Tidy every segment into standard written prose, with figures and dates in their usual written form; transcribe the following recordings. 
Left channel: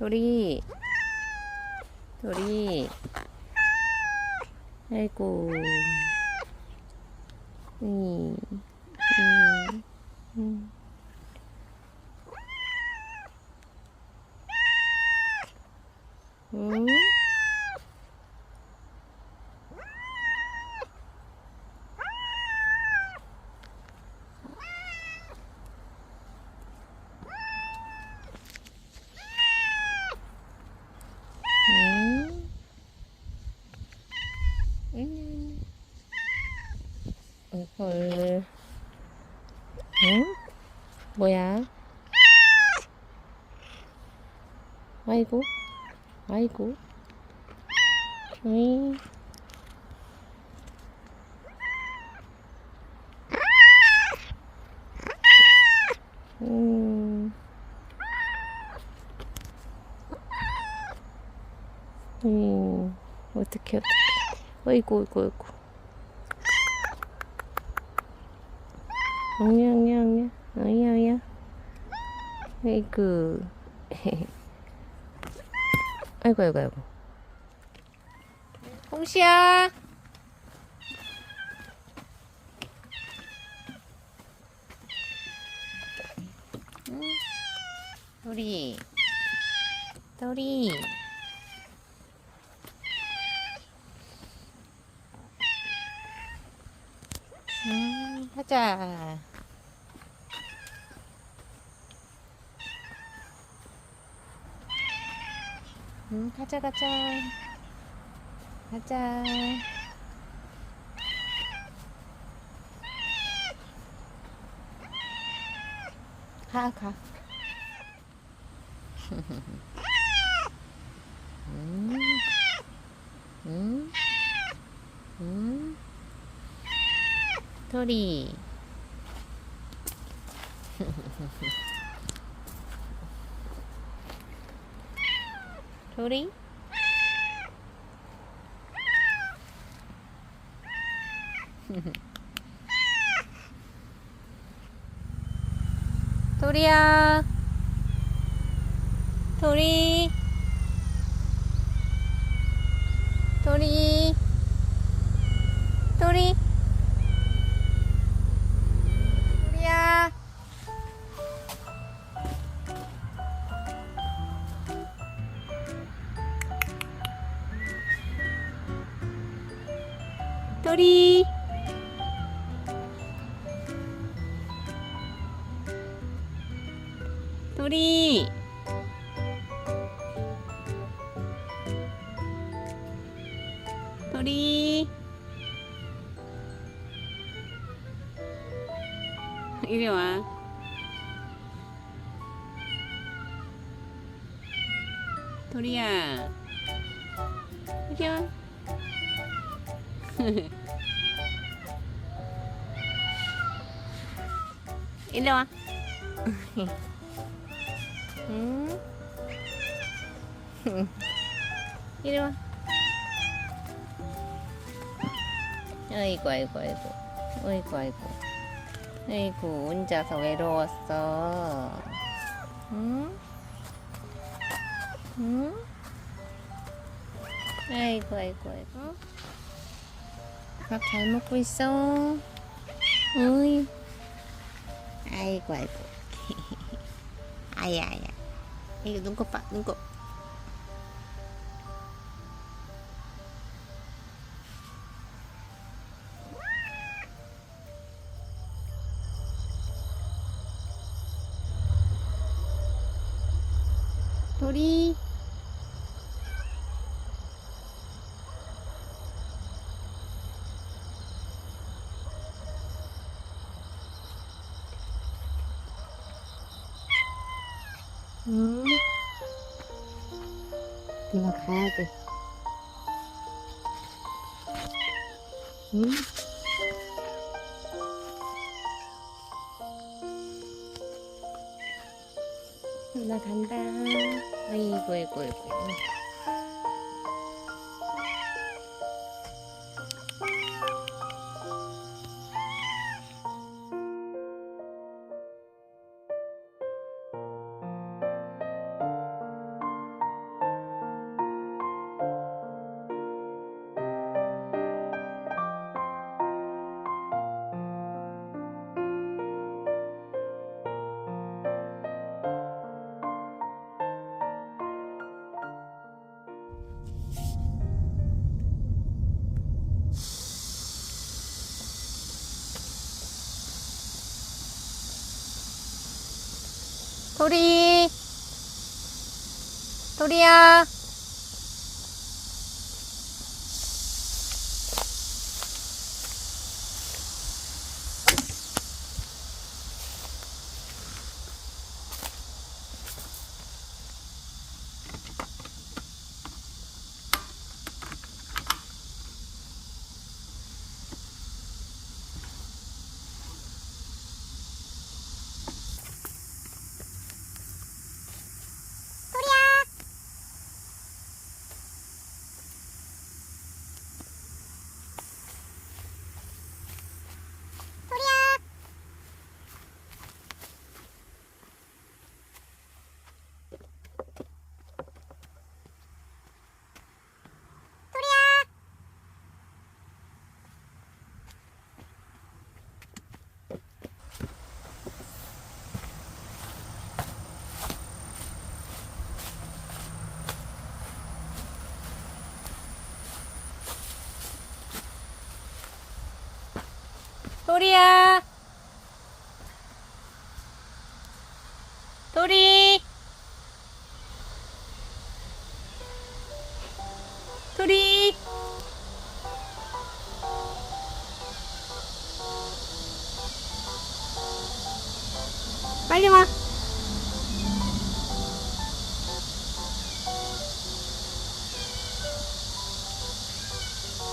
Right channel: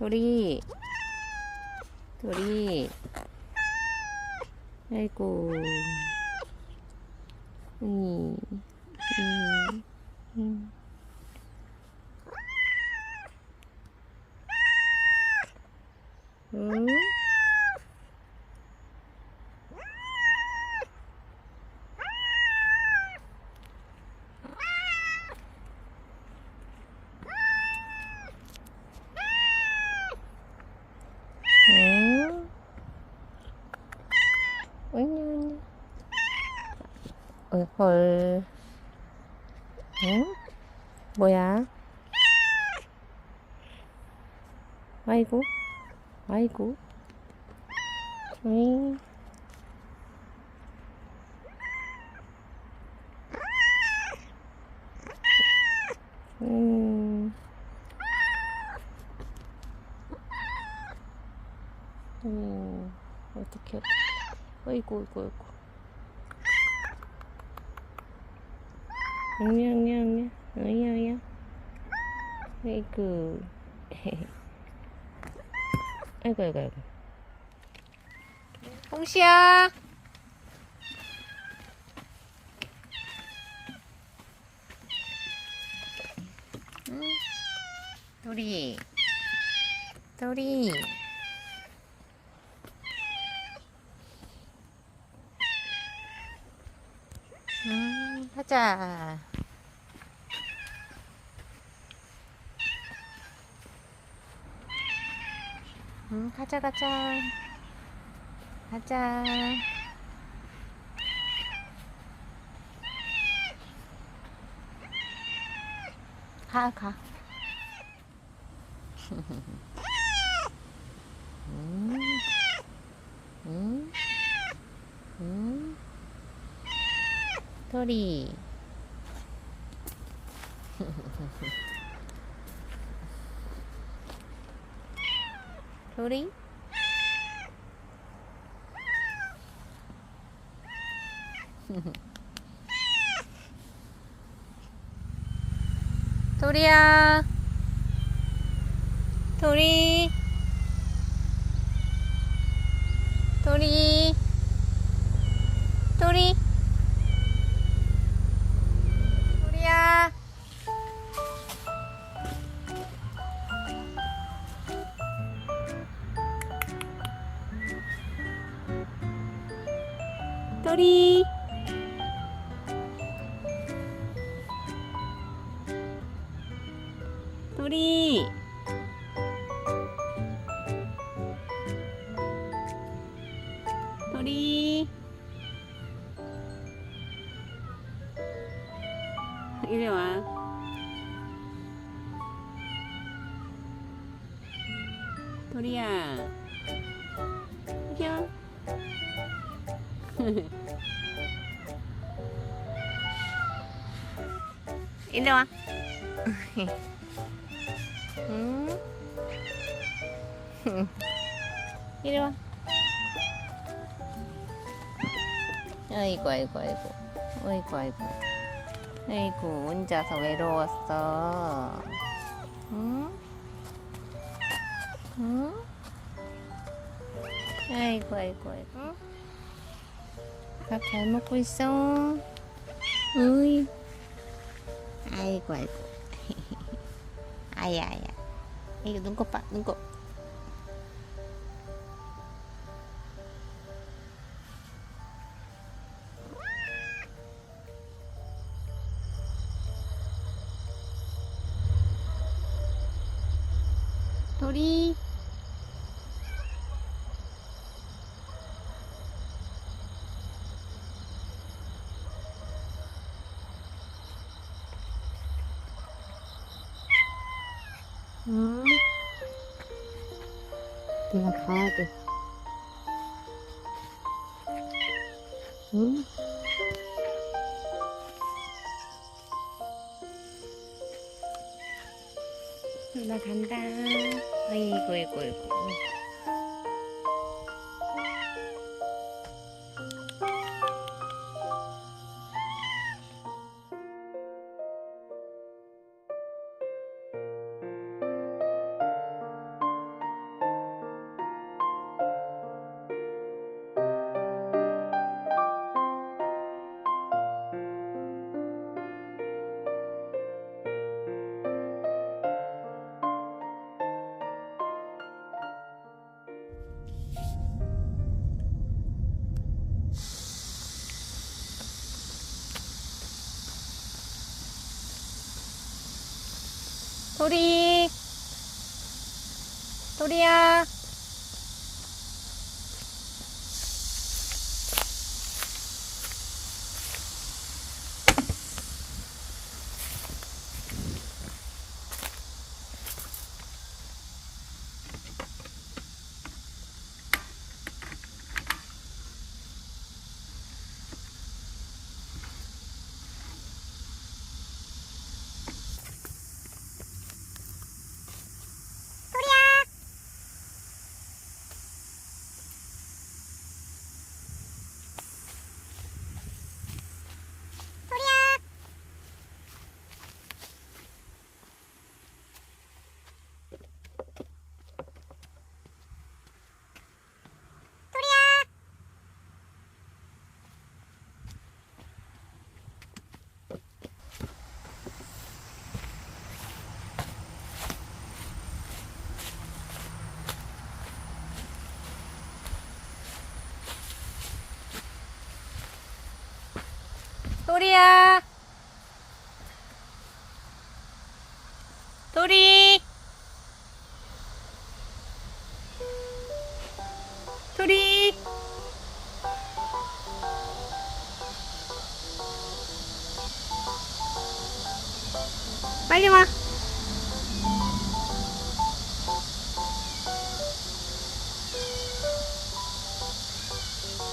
도리, 도리. 아이고. 음, 음, 음. 응? 응? 응? 헐. 응? 뭐야? 아이고, 아이고. 응? 음, 어떡해, 어떡해. 어이구, 어이구, 어이구. 아니야, 아니야, 아니야. 아니야, 아니야. 아이고. 아이고, 아이고, 아이고. 홍시야! 응? 도리, 도리. 하자. 가자, 가자. 가자. 가, 가. 음, 음, 음. 도리. 도리? 도리야. 도리. 도리. 도리. 도리야. 도리. 도리. 도리. 이리 와. 도리야. 이리 와. 이리 와. 응? 이리 와. 아이고, 아이고, 아이고. 아이고, 아이고. 아이고, 혼자서 외로웠어. 응? 응? 아이고, 아이고, 아이고. 밥 잘 먹고 있어? 어이. 아이고, 아이고. 아야, 아야. 이거 눈곱 봐, 눈곱. 도리. 응? 내가 가야 돼. 응? 나 간다. 아이고, 아이고, 아이고. 토리. 토리야. 토리야. 토리. 토리. 빨리 와.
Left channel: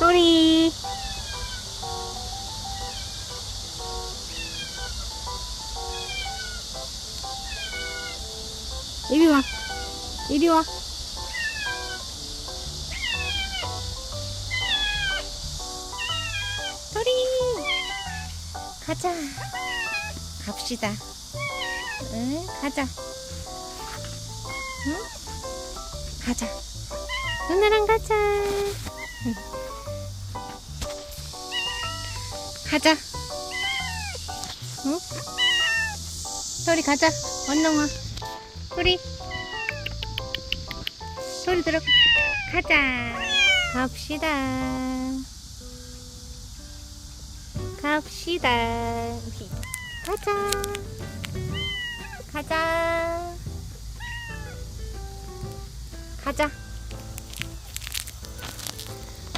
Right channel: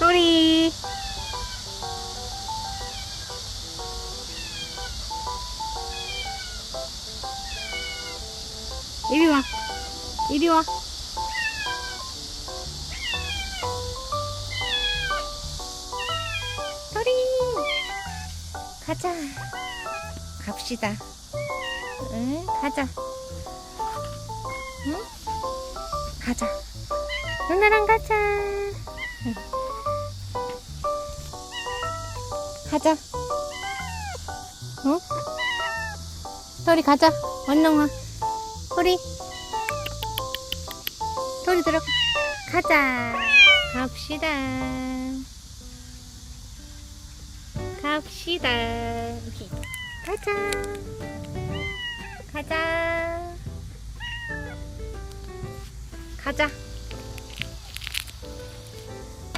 토리. 이리 와. 이리 와. 토리. 가자. 갑시다. 응, 가자. 응? 가자. 누나랑 가자. 응. 가자. 어? 토리 가자. 얼른 와. 토리. 토리 들어가. 가자. 갑시다. 갑시다. 가자. 가자. 가자.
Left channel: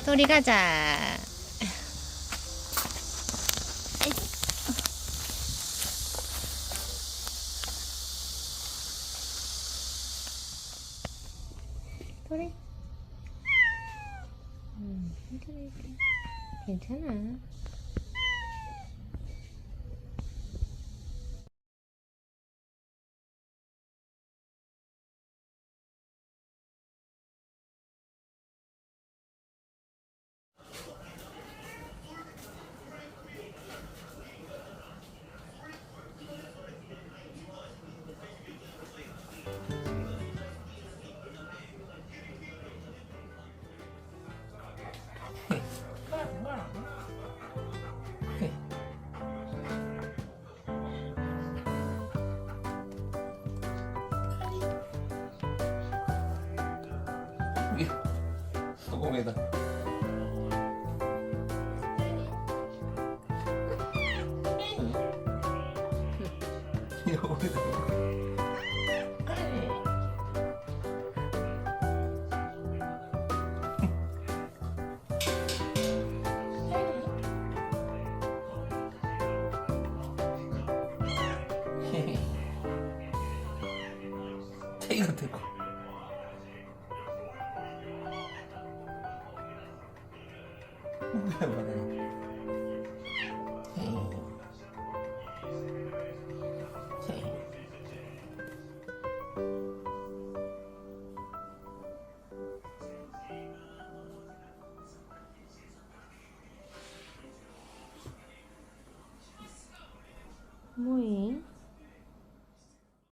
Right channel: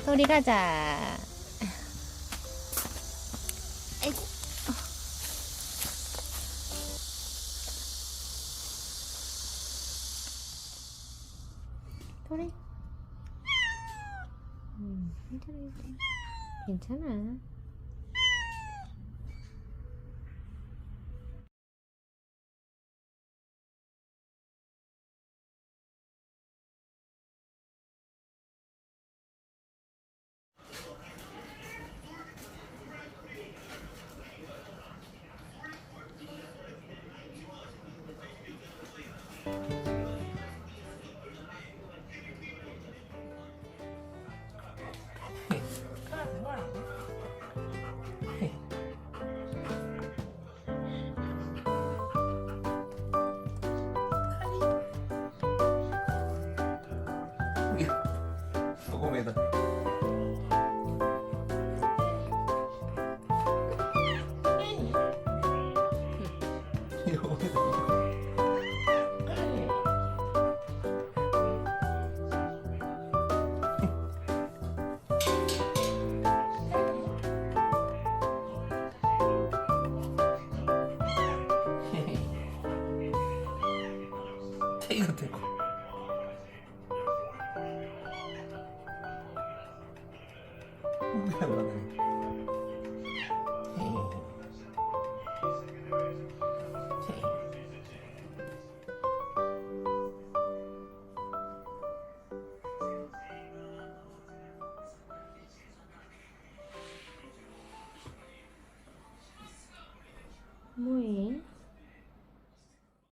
토리 가자. 토리. 괜찮아. 소금에다. 소금에다. 이거 대고. 뭐해?